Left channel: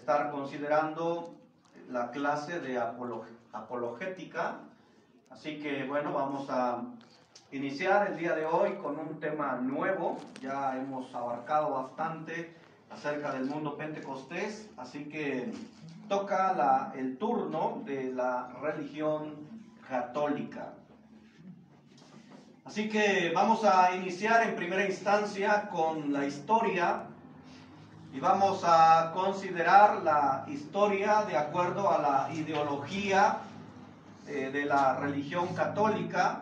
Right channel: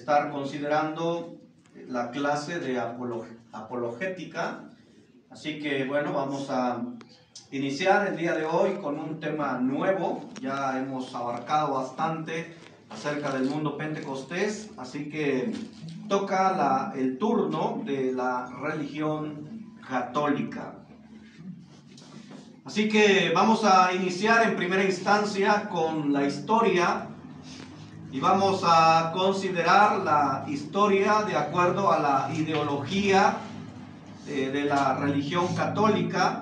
estar considerando la clase de apologética. Así que bueno, vamos a iniciar el día de hoy con un tema nuevo. Ya hemos abarcado bastante acerca del mundo pentecostés, así que toca el turno de la religión católica. Así que vamos a iniciar en primera instancia con la historia y vamos a considerar la historia de acuerdo a la ideología de la religión católica.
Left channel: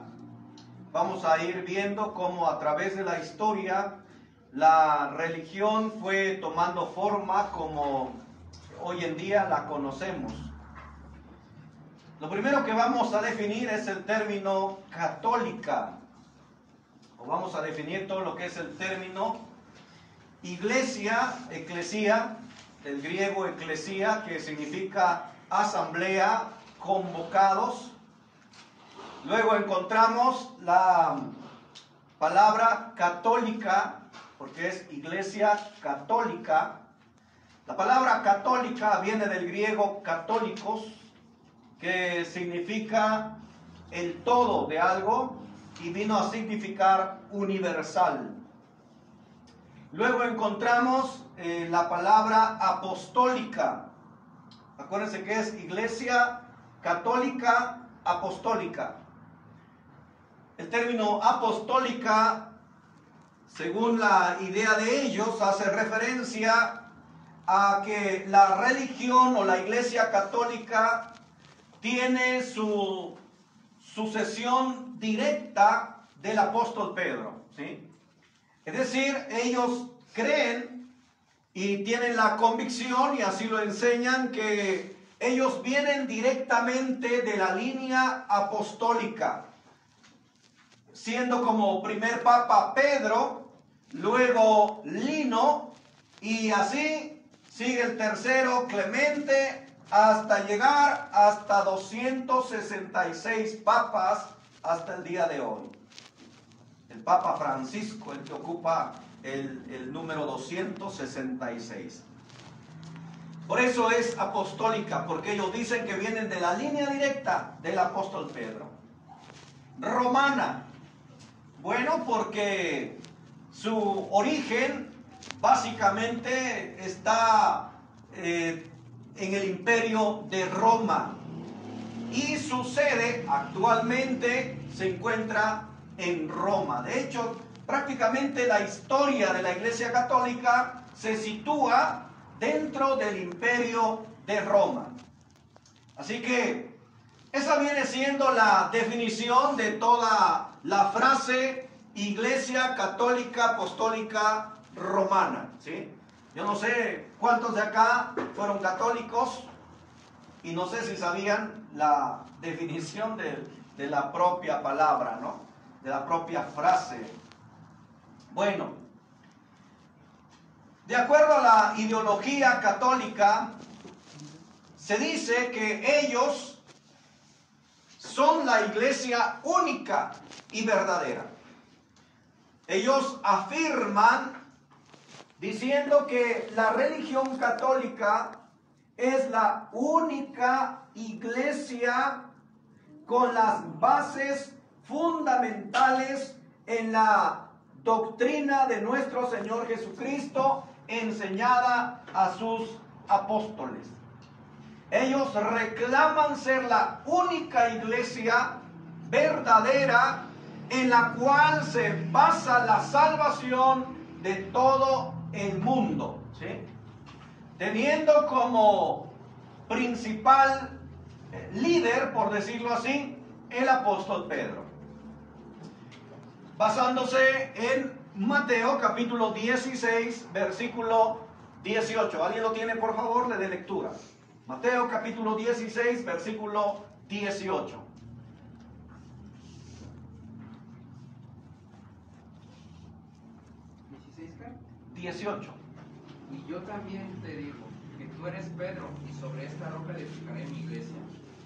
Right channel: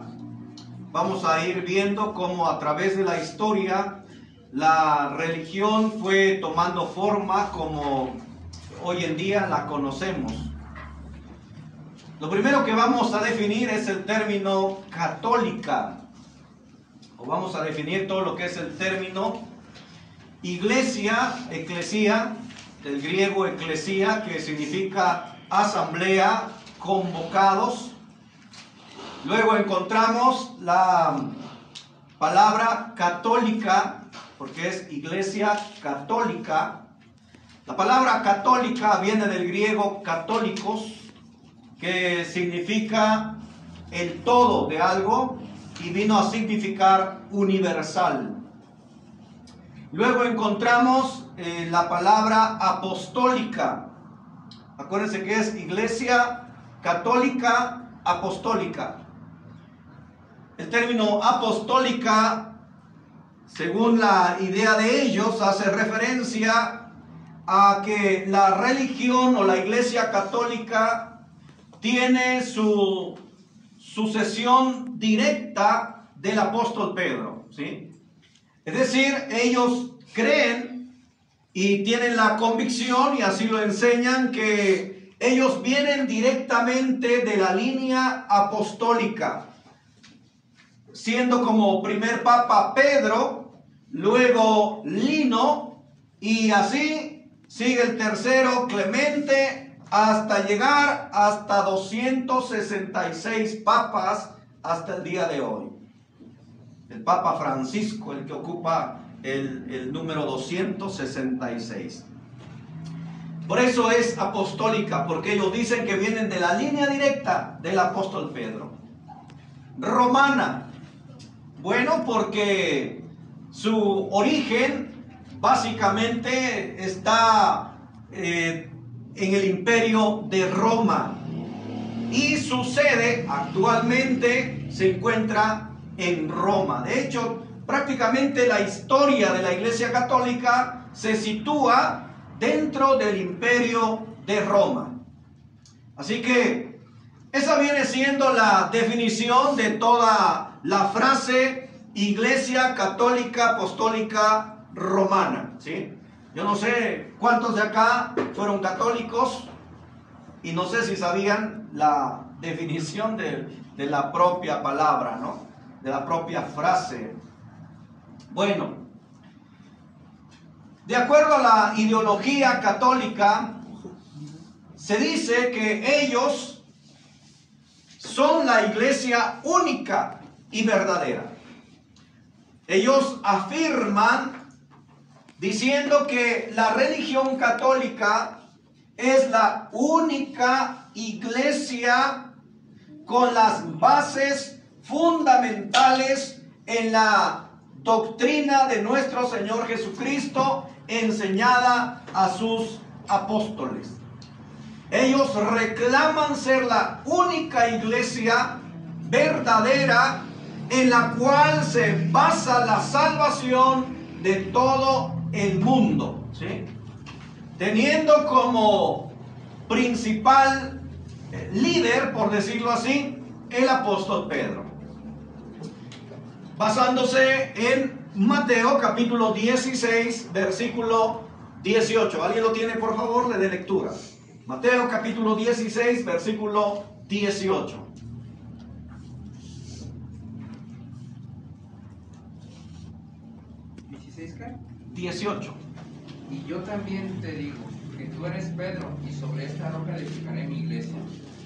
Vamos a ir viendo cómo a través de la historia la religión fue tomando forma como hoy en día la conocemos. Lo primero que vamos a definir es el término católica, o vamos a definir todo lo que es el término iglesia, eclesia, del griego eclesia, que significa asamblea, convocados. Luego encontramos la palabra católica, porque es iglesia católica. La palabra católica viene del griego católicos, que significa el todo de algo y vino a significar universal. Luego encontramos la palabra apostólica. Acuérdense que es iglesia católica apostólica. El término apostólica, según la idea de ellos, hace referencia a que la religión o la iglesia católica tiene su sucesión directa del apóstol Pedro, ¿sí? Es decir, ellos creen y tienen la convicción, y así lo enseñan, que ellos vienen directamente de la línea apostólica, siendo como primer papa Pedro, luego Lino, y así sigue el tercero Clemente, hasta llegar hasta 266 papas hasta el día de hoy. El Papa Francisco, el que ocupa el número 266. Por eso es apostólica, porque ellos dicen que vienen de la línea directa del apóstol Pedro. Romana, bueno, porque su origen básicamente está en el imperio de Roma y su sede actualmente se encuentra en Roma. De hecho, prácticamente la historia de la Iglesia Católica se sitúa dentro del imperio de Roma. Así que esa viene siendo la definición de toda la frase Iglesia Católica Apostólica Romana, ¿sí? Yo no sé cuántos de acá fueron católicos y no sé si sabían la definición de la propia palabra, ¿no? De la propia frase. Bueno, de acuerdo a la ideología católica, se dice que ellos son la iglesia única y verdadera. Ellos afirman diciendo que la religión católica es la única iglesia con las bases fundamentales en la doctrina de nuestro Señor Jesucristo enseñada a sus apóstoles. Ellos reclaman ser la única iglesia verdadera en la cual se basa la salvación de todo el mundo, ¿sí? Teniendo como principal líder, por decirlo así, el apóstol Pedro, basándose en Mateo capítulo 16 versículo 18. ¿Alguien lo tiene, por favor? Le dé lectura. Mateo capítulo 16 versículo 18. ¿16 qué? 18. Y yo también te digo que tú eres Pedro, y sobre esta roca edificaré mi iglesia,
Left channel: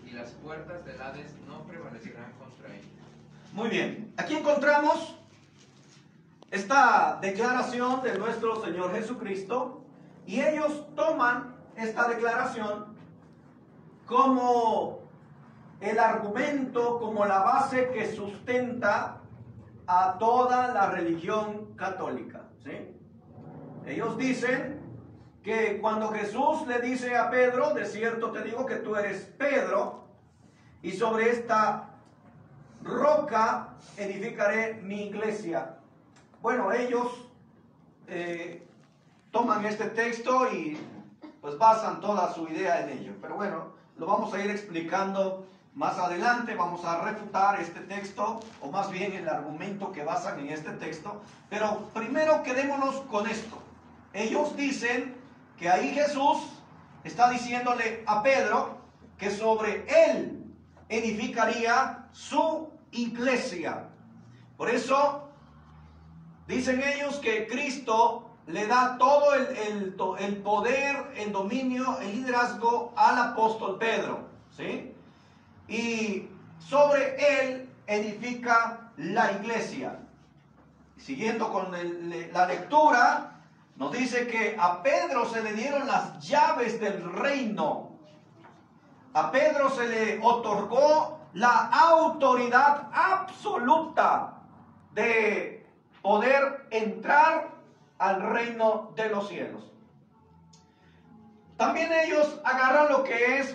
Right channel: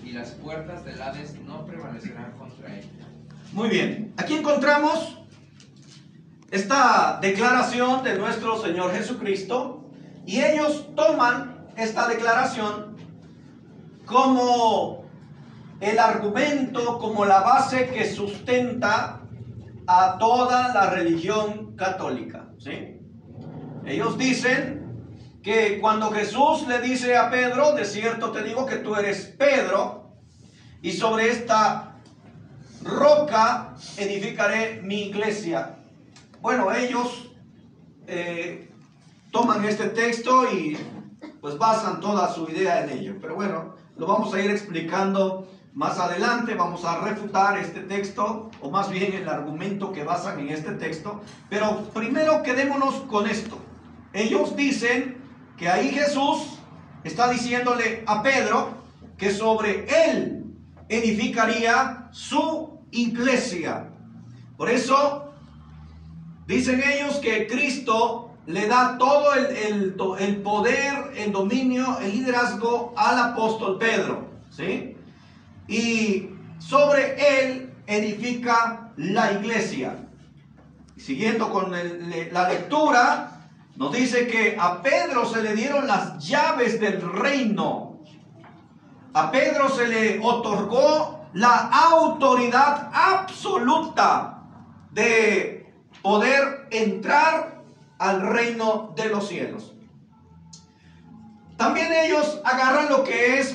y las puertas del Hades no prevalecerán contra ella. Muy bien, aquí encontramos esta declaración de nuestro Señor Jesucristo, y ellos toman esta declaración como el argumento, como la base que sustenta a toda la religión católica, ¿sí? Ellos dicen que cuando Jesús le dice a Pedro, de cierto te digo que tú eres Pedro, y sobre esta roca edificaré mi iglesia. Bueno, ellos toman este texto y pues basan toda su idea en ello. Pero bueno, lo vamos a ir explicando más adelante. Vamos a refutar este texto, o más bien el argumento que basan en este texto. Pero primero quedémonos con esto. Ellos dicen que ahí Jesús está diciéndole a Pedro que sobre él edificaría su iglesia. Por eso dicen ellos que Cristo le da todo el poder, el dominio, el liderazgo al apóstol Pedro, ¿sí? Y sobre él edifica la iglesia. Siguiendo con la lectura, nos dice que a Pedro se le dieron las llaves del reino. A Pedro se le otorgó la autoridad absoluta de poder entrar al reino de los cielos. También ellos agarran lo que es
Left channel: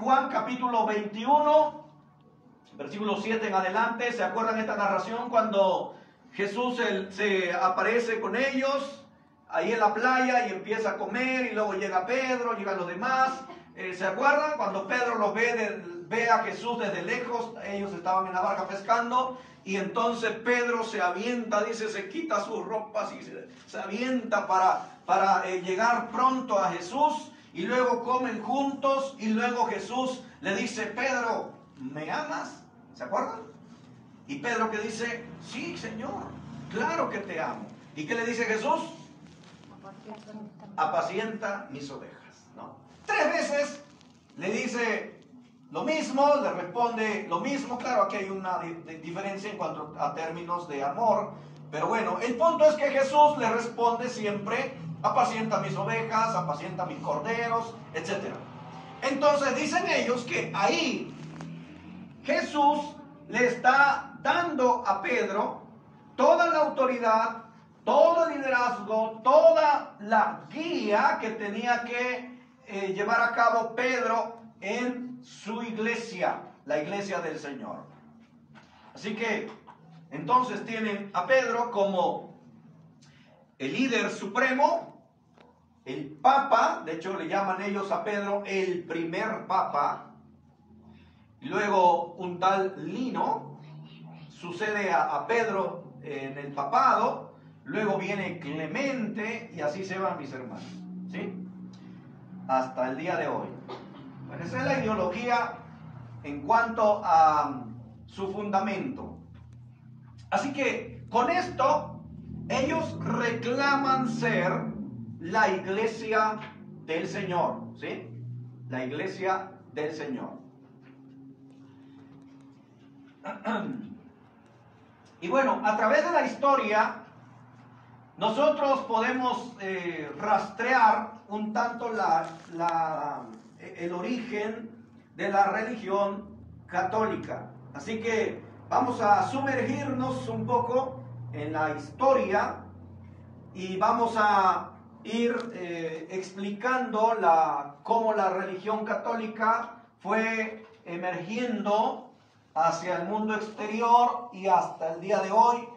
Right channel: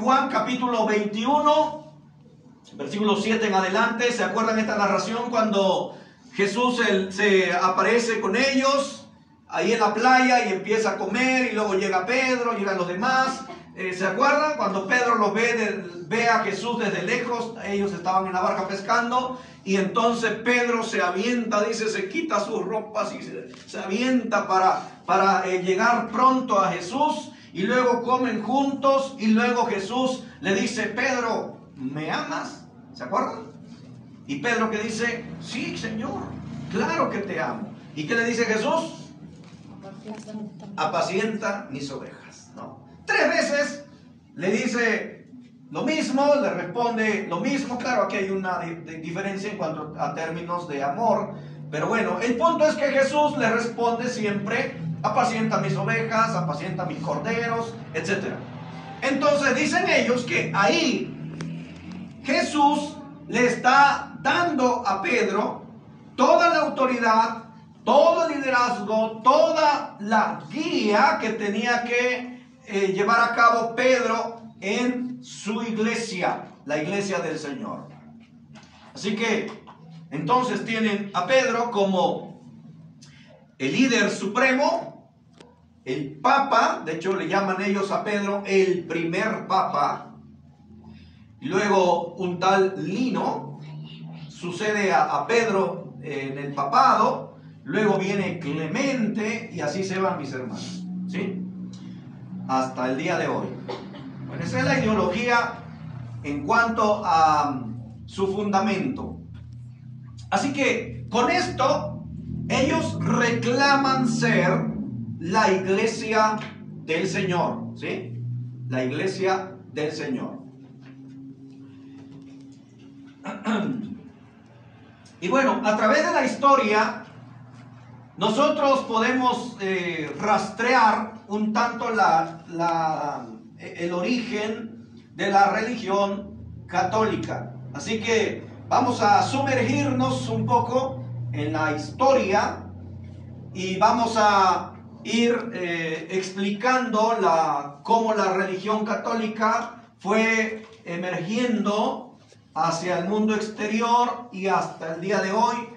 Juan capítulo 21, versículo 7 en adelante. ¿Se acuerdan esta narración cuando Jesús se aparece con ellos ahí en la playa y empieza a comer, y luego llega Pedro, llegan los demás? ¿Se acuerdan? Cuando Pedro los ve a Jesús desde lejos, ellos estaban en la barca pescando, y entonces Pedro se avienta, dice, se quita sus ropas y se avienta para llegar pronto a Jesús, y luego comen juntos, y luego Jesús le dice, Pedro, ¿me amas? ¿Se acuerdan? Y Pedro que dice, sí, Señor, claro que te amo. ¿Y qué le dice Jesús? Apacienta mis ovejas, ¿no? 3 veces le dice lo mismo, le responde lo mismo. Claro, aquí hay una diferencia en cuanto a términos de amor, pero bueno, el punto es que Jesús le responde siempre, apacienta mis ovejas, apacienta mis corderos, etc. Entonces dicen ellos que ahí Jesús le está dando a Pedro toda la autoridad, todo el liderazgo, toda la guía que tenía que llevar a cabo Pedro en su iglesia, la iglesia del Señor. Así que entonces tienen a Pedro como el líder supremo, el papa. De hecho le llaman ellos a Pedro el primer papa. Y luego un tal Lino sucede a Pedro en el papado. Luego viene Clemente, y así se van, mis hermanos, ¿sí? Hasta el día de hoy. Bueno, esa es la ideología en cuanto a su fundamento. Así que con esto ellos reclaman ser la iglesia del Señor, ¿sí? La iglesia del Señor. Y bueno, a través de la historia nosotros podemos rastrear un tanto el origen de la religión católica. Así que vamos a sumergirnos un poco en la historia y vamos a ir explicando cómo la religión católica fue emergiendo hacia el mundo exterior y hasta el día de hoy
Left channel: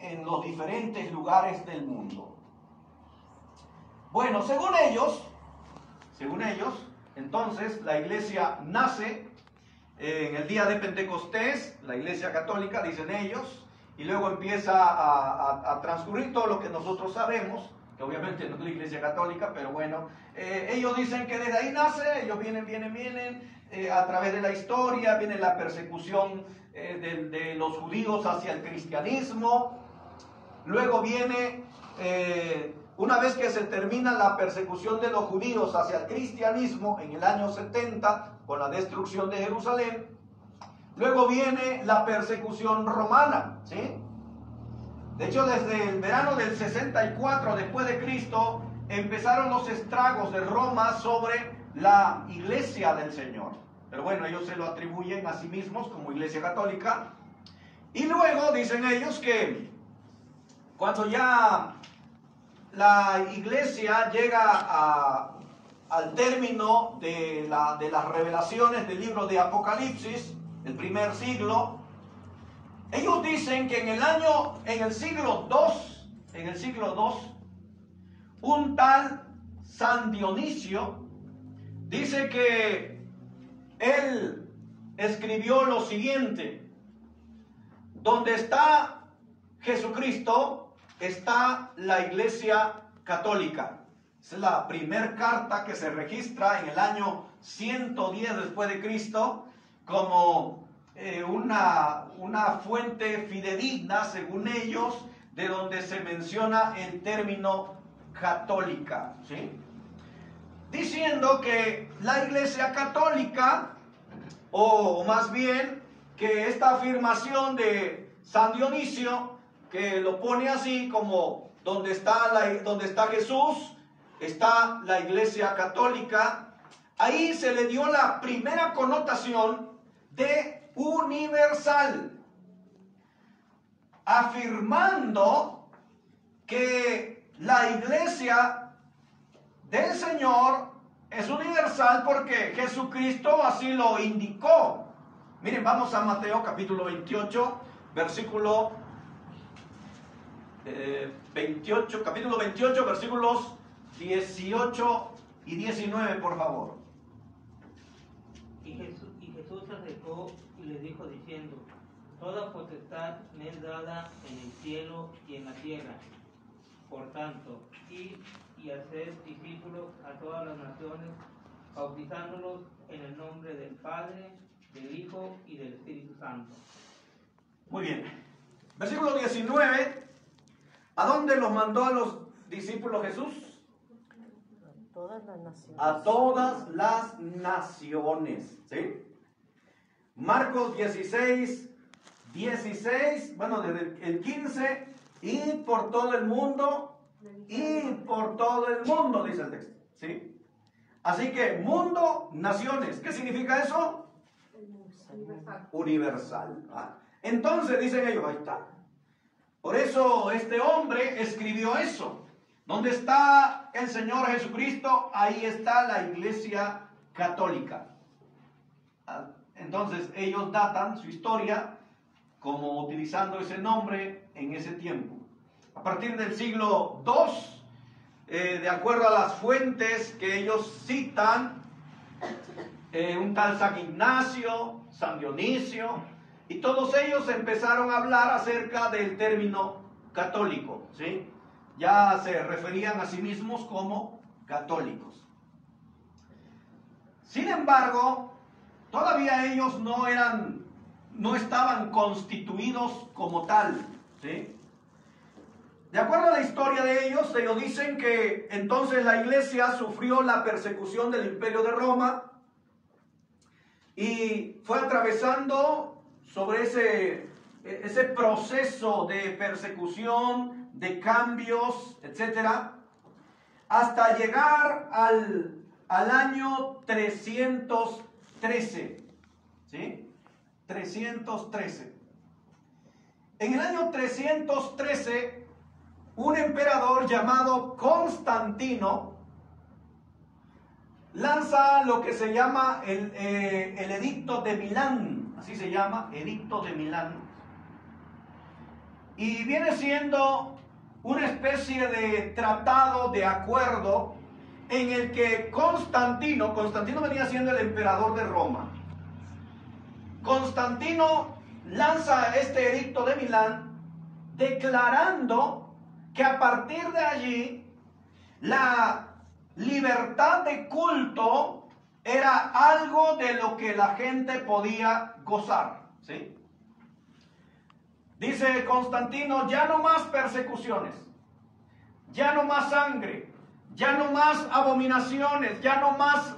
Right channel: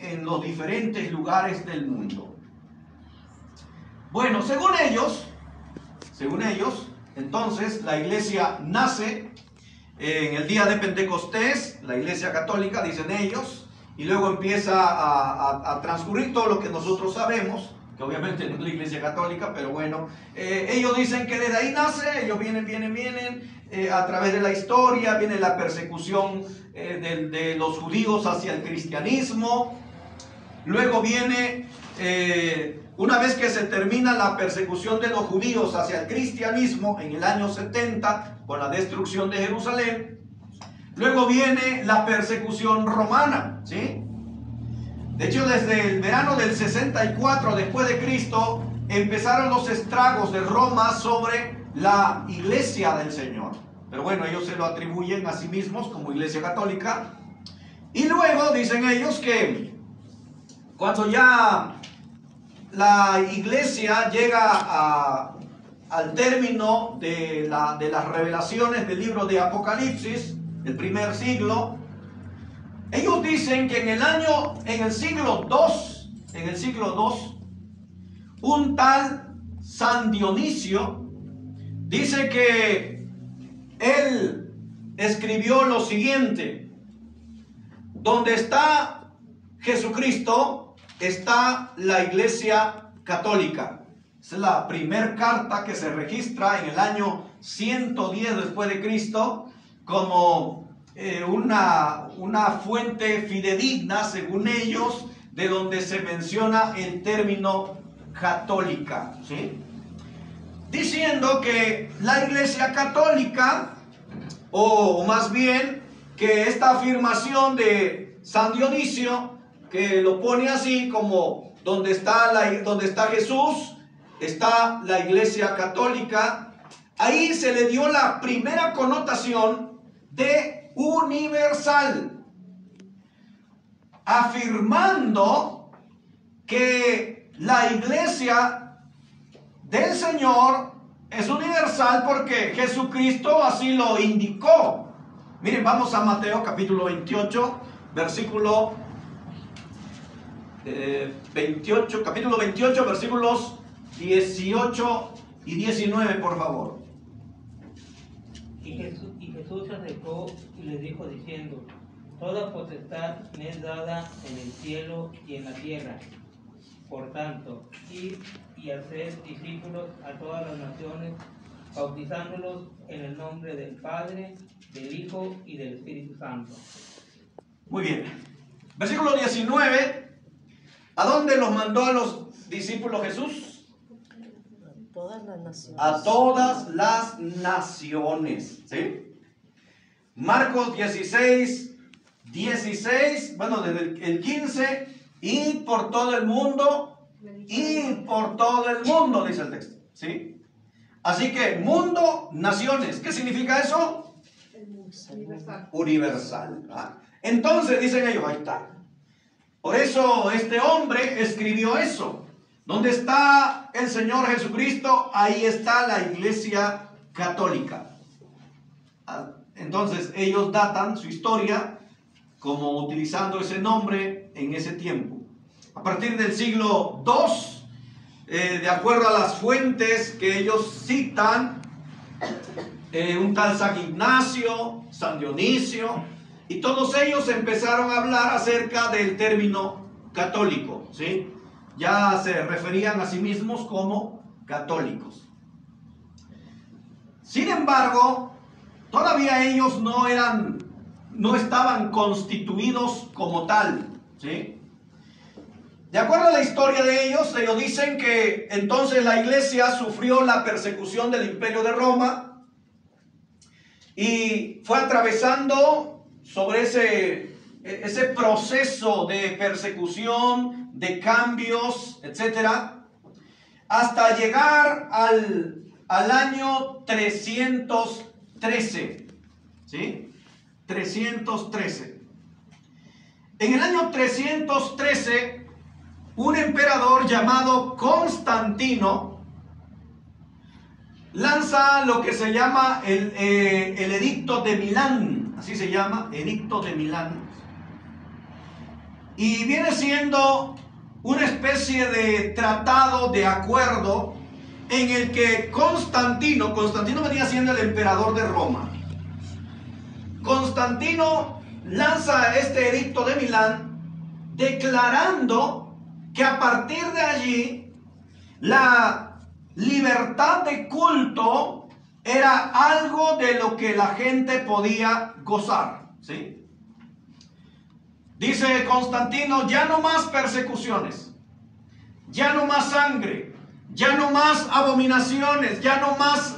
en los diferentes lugares del mundo. Bueno, según ellos, entonces la iglesia nace en el día de Pentecostés, la iglesia católica, dicen ellos, y luego empieza a transcurrir todo lo que nosotros sabemos, que obviamente no es la iglesia católica, pero bueno, ellos dicen que desde ahí nace. Ellos vienen, a través de la historia, viene la persecución de los judíos hacia el cristianismo. Luego viene, una vez que se termina la persecución de los judíos hacia el cristianismo en el año 70, con la destrucción de Jerusalén, luego viene la persecución romana, ¿sí? De hecho, desde el verano del 64 después de Cristo, empezaron los estragos de Roma sobre la iglesia del Señor. Pero bueno, ellos se lo atribuyen a sí mismos como iglesia católica. Y luego dicen ellos que cuando ya la iglesia llega al término de las revelaciones del libro de Apocalipsis, el primer siglo, ellos dicen que en el siglo II, un tal San Dionisio dice que él escribió lo siguiente: donde está Jesucristo, está la Iglesia Católica. Esa es la primera carta que se registra en el año 110 después de Cristo como una fuente fidedigna, según ellos, de donde se menciona el término católica, ¿sí? Diciendo que la Iglesia Católica, o más bien que esta afirmación de San Dionisio, que lo pone así como donde está Jesús, está la Iglesia Católica, ahí se le dio la primera connotación de universal, afirmando que la Iglesia del Señor es universal porque Jesucristo así lo indicó. Miren, vamos a Mateo capítulo 28, versículo 28, capítulo 28, versículos 18 y 19, por favor. Y Jesús se acercó y les dijo diciendo: toda potestad me es dada en el cielo y en la tierra. Por tanto, id y haced discípulos a todas las naciones, bautizándolos en el nombre del Padre, del Hijo y del Espíritu Santo. Muy bien. Versículo 19. ¿A dónde los mandó a los discípulos Jesús? A todas las naciones. A todas las naciones, ¿sí? Marcos 16, bueno, desde el 15, y por todo el mundo, dice el texto, ¿sí? Así que mundo, naciones, ¿qué significa eso? Universal. ¿Ah? Entonces dicen ellos, ahí está. Por eso este hombre escribió eso. ¿Dónde está el Señor Jesucristo? Ahí está la Iglesia Católica. Entonces ellos datan su historia como utilizando ese nombre en ese tiempo. A partir del siglo II, de acuerdo a las fuentes que ellos citan, un tal San Ignacio, San Dionisio, y todos ellos empezaron a hablar acerca del término católico, ¿sí? Ya se referían a sí mismos como católicos. Sin embargo, todavía ellos no estaban constituidos como tal, ¿sí? De acuerdo a la historia de ellos dicen que entonces la iglesia sufrió la persecución del Imperio de Roma y fue atravesando sobre ese proceso de persecución, de cambios, etcétera, hasta llegar al año 313, ¿sí? 313. En el año 313, un emperador llamado Constantino lanza lo que se llama el Edicto de Milán, así se llama, Edicto de Milán, y viene siendo una especie de tratado de acuerdo en el que Constantino venía siendo el emperador de Roma. Constantino lanza este Edicto de Milán declarando que a partir de allí la libertad de culto era algo de lo que la gente podía gozar, ¿sí? Dice Constantino, ya no más persecuciones, ya no más sangre, ya no más abominaciones, ya no más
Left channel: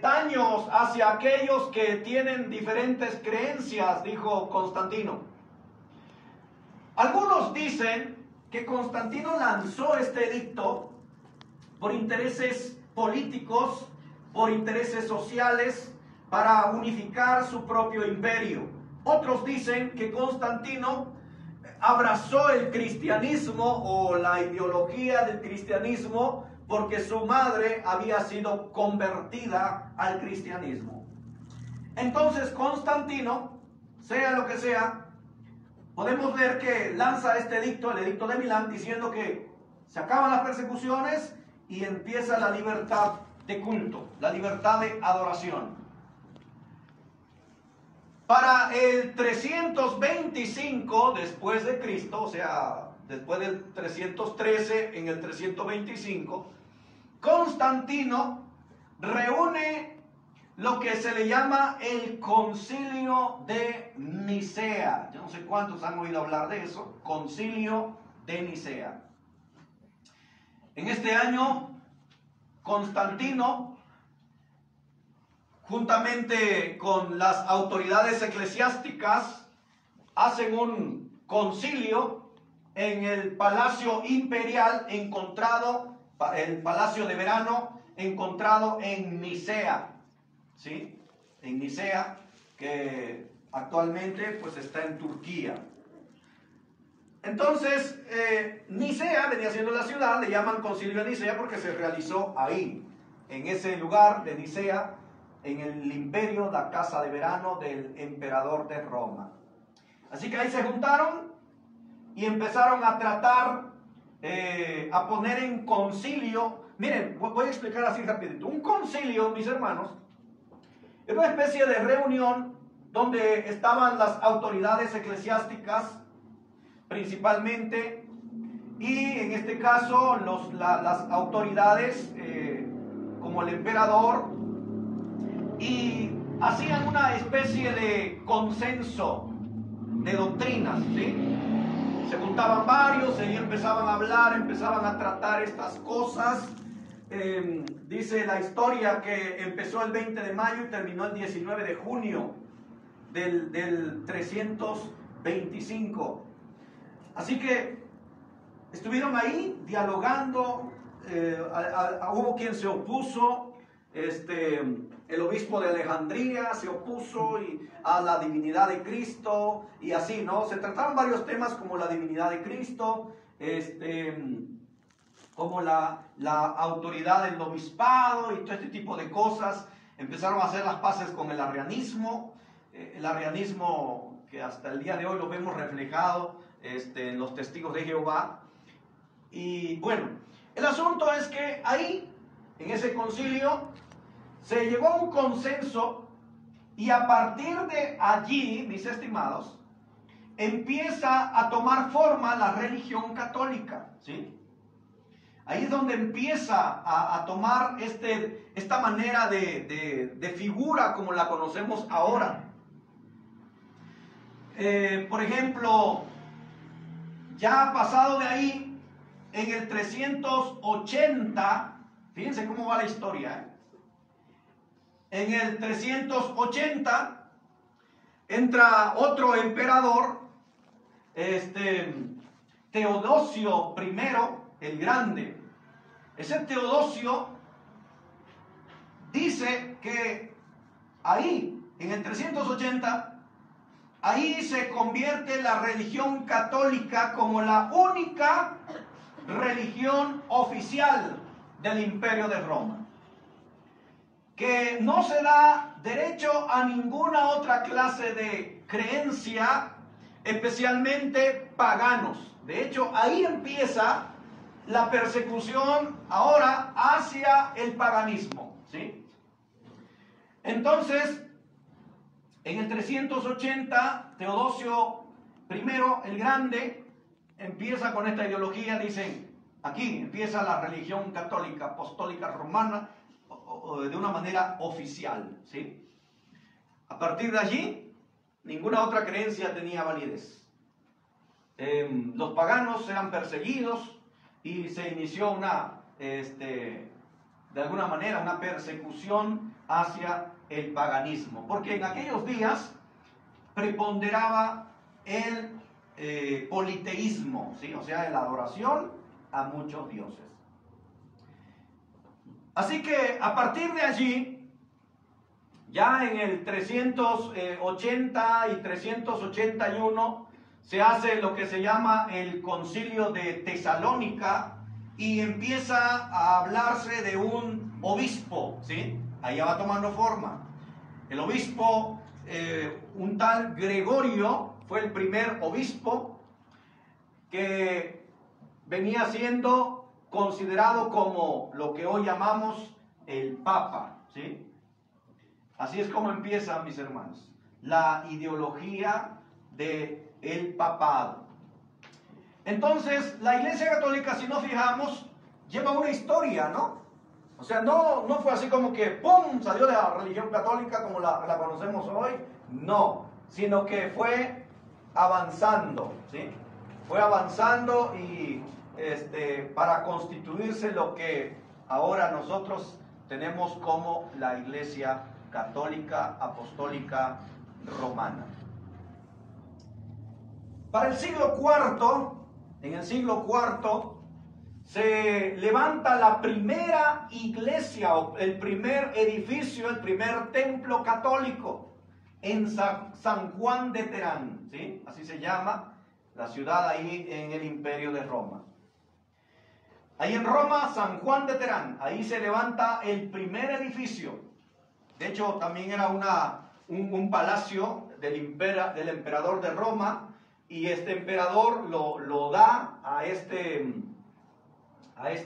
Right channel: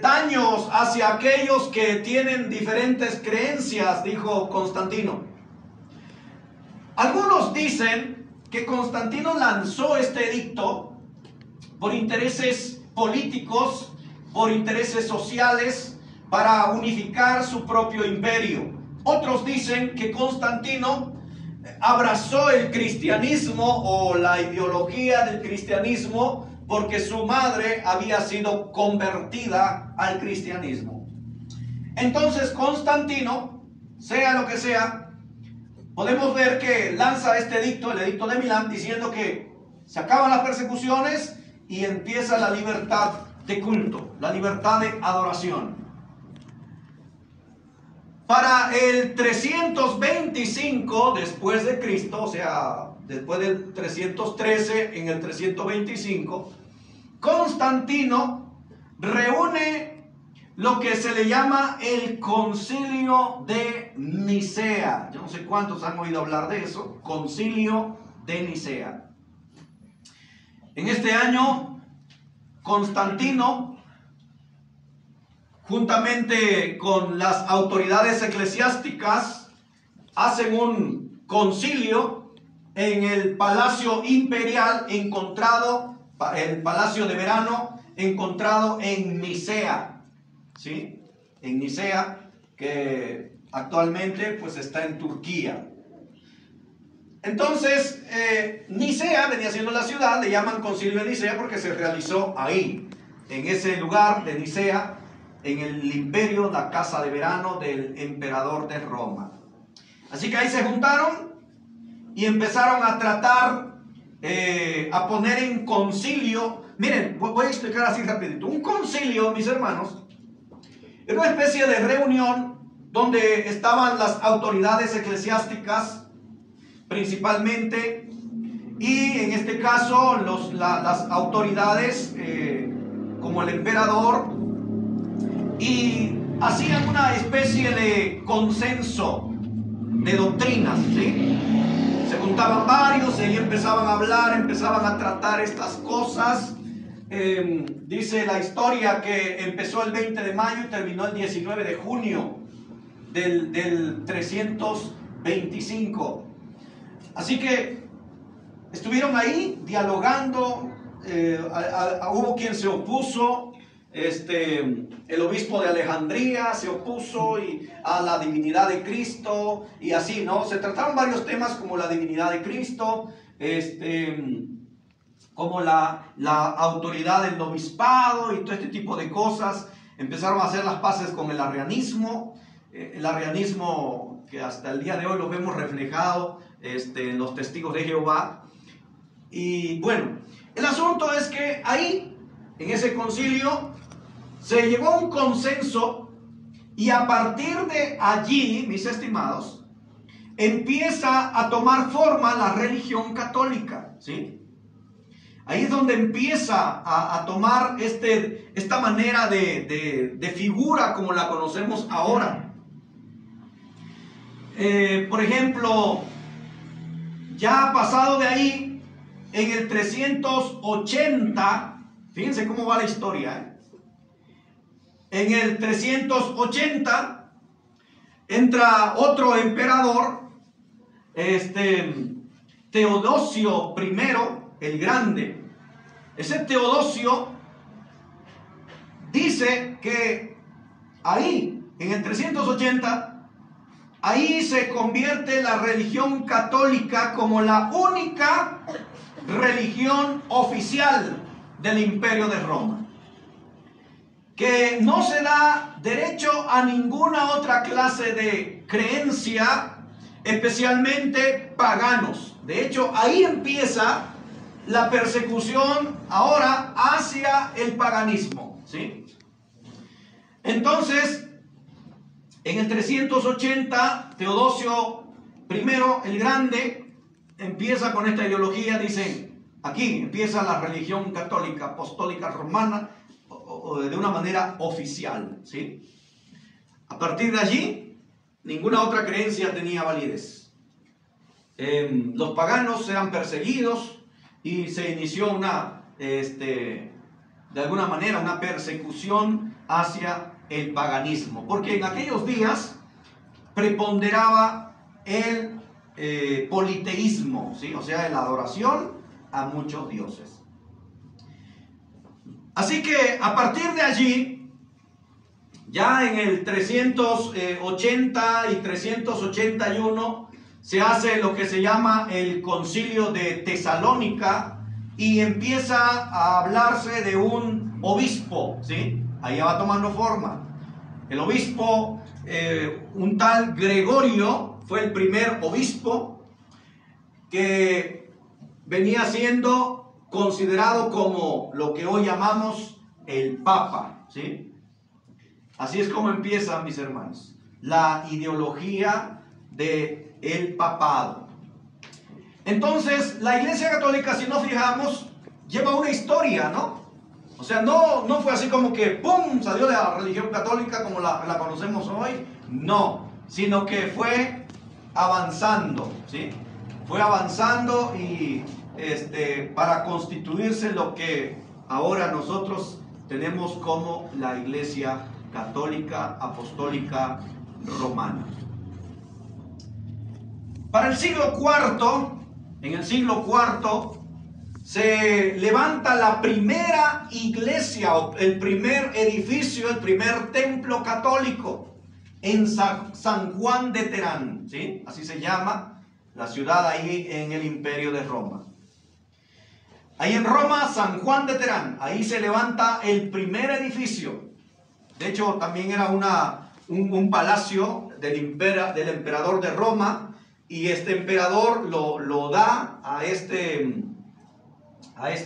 daños hacia aquellos que tienen diferentes creencias, dijo Constantino. Algunos dicen que Constantino lanzó este edicto por intereses políticos, por intereses sociales, para unificar su propio imperio. Otros dicen que Constantino abrazó el cristianismo o la ideología del cristianismo porque su madre había sido convertida al cristianismo. Entonces Constantino, sea lo que sea, podemos ver que lanza este edicto, el edicto de Milán, diciendo que se acaban las persecuciones y empieza la libertad de culto, la libertad de adoración. Para el 325 después de Cristo, o sea, después del 313, en el 325, Constantino reúne lo que se le llama el Concilio de Nicea. Yo no sé cuántos han oído hablar de eso, Concilio de Nicea. En este año, Constantino, juntamente con las autoridades eclesiásticas, hacen un concilio en el Palacio Imperial encontrado, el Palacio de Verano encontrado en Nicea, ¿sí? En Nicea, que actualmente pues está en Turquía. Entonces, Nicea venía siendo la ciudad, le llaman Concilio de Nicea porque se realizó ahí, en ese lugar de Nicea, en el imperio, la casa de verano del emperador de Roma. Así que ahí se juntaron y empezaron a tratar, a poner en concilio. Miren, voy a explicar así rapidito. Un concilio, mis hermanos, es una especie de reunión donde estaban las autoridades eclesiásticas principalmente, y en este caso las autoridades como el emperador, y hacían una especie de consenso de doctrinas, ¿sí? Se juntaban varios y ahí empezaban a hablar, empezaban a tratar estas cosas. Dice la historia que empezó el 20 de mayo y terminó el 19 de junio del 325. Así que estuvieron ahí dialogando, hubo quien se opuso, el obispo de Alejandría se opuso a la divinidad de Cristo y así, ¿no? Se trataron varios temas como la divinidad de Cristo, como la autoridad del obispado y todo este tipo de cosas. Empezaron a hacer las paces con el arrianismo que hasta el día de hoy lo vemos reflejado en los testigos de Jehová. Y bueno, el asunto es que ahí, en ese concilio, se llegó a un consenso, y a partir de allí, mis estimados, empieza a tomar forma la religión católica, ¿sí? Ahí es donde empieza a tomar esta manera de figura como la conocemos ahora. Por ejemplo, ya pasado de ahí, en el 380, fíjense cómo va la historia, En el 380 entra otro emperador, Teodosio I el Grande. Ese Teodosio dice que ahí, en el 380, ahí se convierte la religión católica como la única religión oficial del Imperio de Roma, que no se da derecho a ninguna otra clase de creencia, especialmente paganos. De hecho, ahí empieza la persecución ahora hacia el paganismo, ¿sí? Entonces, en el 380, Teodosio I el Grande empieza con esta ideología. Dicen, aquí empieza la religión católica apostólica romana, o de una manera oficial, ¿sí? A partir de allí, ninguna otra creencia tenía validez. Los paganos eran perseguidos y se inició de alguna manera, una persecución hacia el paganismo, porque en aquellos días preponderaba el politeísmo, ¿sí? O sea, la adoración a muchos dioses. Así que a partir de allí, ya en el 380 y 381, se hace lo que se llama el Concilio de Tesalónica y empieza a hablarse de un obispo, ¿sí? Ahí ya va tomando forma. El obispo, un tal Gregorio, fue el primer obispo que venía siendo considerado como lo que hoy llamamos el Papa, ¿sí? Así es como empieza, mis hermanos, la ideología del papado. Entonces, la Iglesia Católica, si nos fijamos, lleva una historia, ¿no? O sea, no fue así como que ¡pum! Salió la religión católica como la conocemos hoy. No, sino que fue avanzando, ¿sí? Fue avanzando y para constituirse lo que ahora nosotros tenemos como la Iglesia Católica Apostólica Romana. Para el siglo IV, en el siglo IV, se levanta la primera iglesia, el primer edificio, el primer templo católico en San Juan de Terán, ¿sí? Así se llama la ciudad ahí en el Imperio de Roma. Ahí en Roma, San Juan de Terán, ahí se levanta el primer edificio. De hecho, también era un palacio del emperador de Roma, y este emperador lo da a este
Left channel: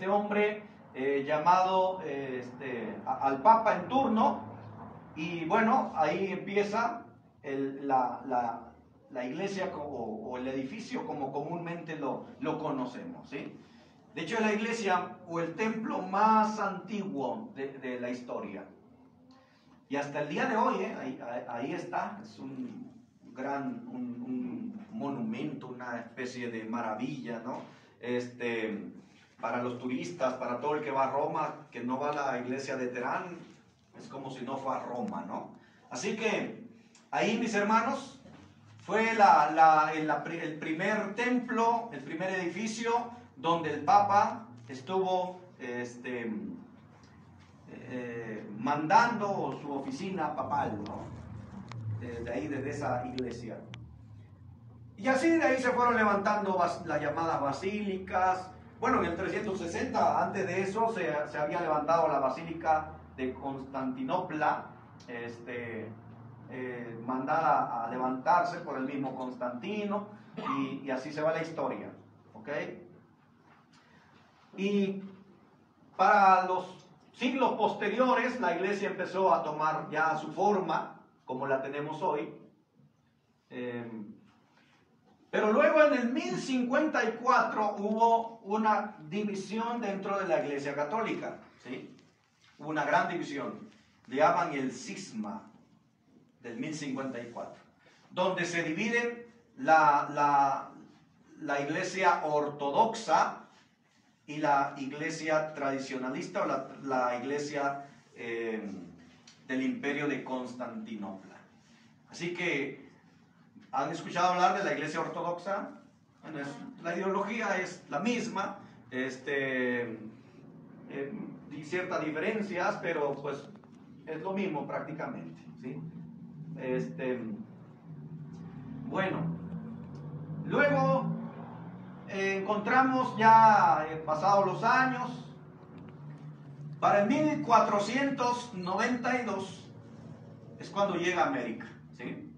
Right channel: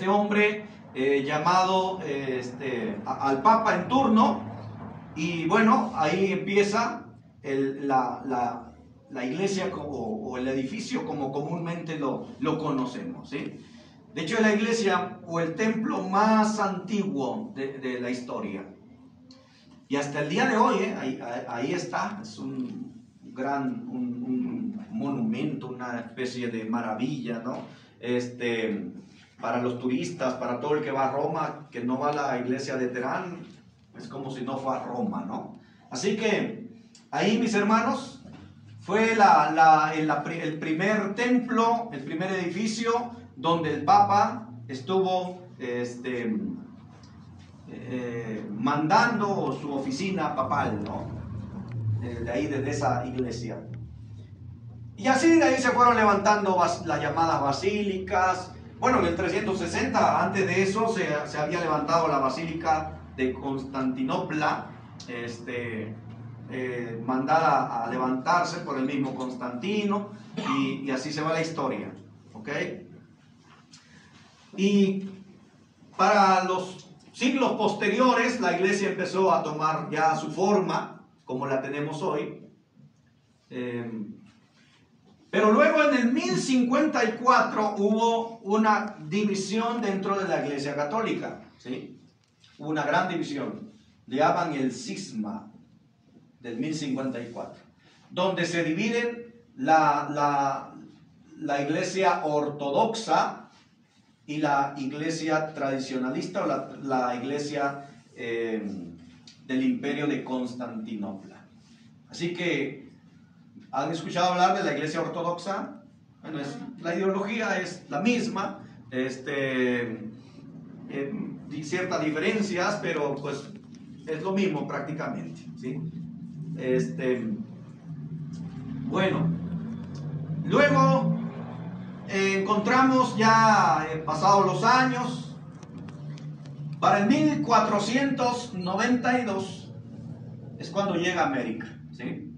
hombre llamado al Papa en turno, y bueno, ahí empieza la iglesia o el edificio como comúnmente lo conocemos, ¿sí? De hecho, es la iglesia o el templo más antiguo de la historia. Y hasta el día de hoy, ahí está, es un monumento, una especie de maravilla, ¿no? Para los turistas, para todo el que va a Roma, que no va a la iglesia de Terán, es como si no fue a Roma, ¿no? Así que ahí, mis hermanos, fue el primer templo, el primer edificio donde el Papa estuvo mandando su oficina papal, ¿no? De ahí, desde esa iglesia. Y así de ahí se fueron levantando las llamadas basílicas. Bueno, en el 360, antes de eso, se había levantado la basílica de Constantinopla, mandada a levantarse por el mismo Constantino, y así se va la historia, ¿ok? Y para los siglos posteriores, la iglesia empezó a tomar ya su forma, como la tenemos hoy. Pero luego en el 1054 hubo una división dentro de la Iglesia Católica, ¿sí? Hubo una gran división, le llaman el cisma del 1054, donde se dividen la Iglesia ortodoxa y la Iglesia tradicionalista, o la Iglesia del Imperio de Constantinopla. Así que, ¿han escuchado hablar de la Iglesia ortodoxa? Bueno, la ideología es la misma, ciertas diferencias, pero pues es lo mismo prácticamente, ¿sí? Bueno, luego encontramos ya pasados los años, para el 1492 es cuando llega a América, ¿sí?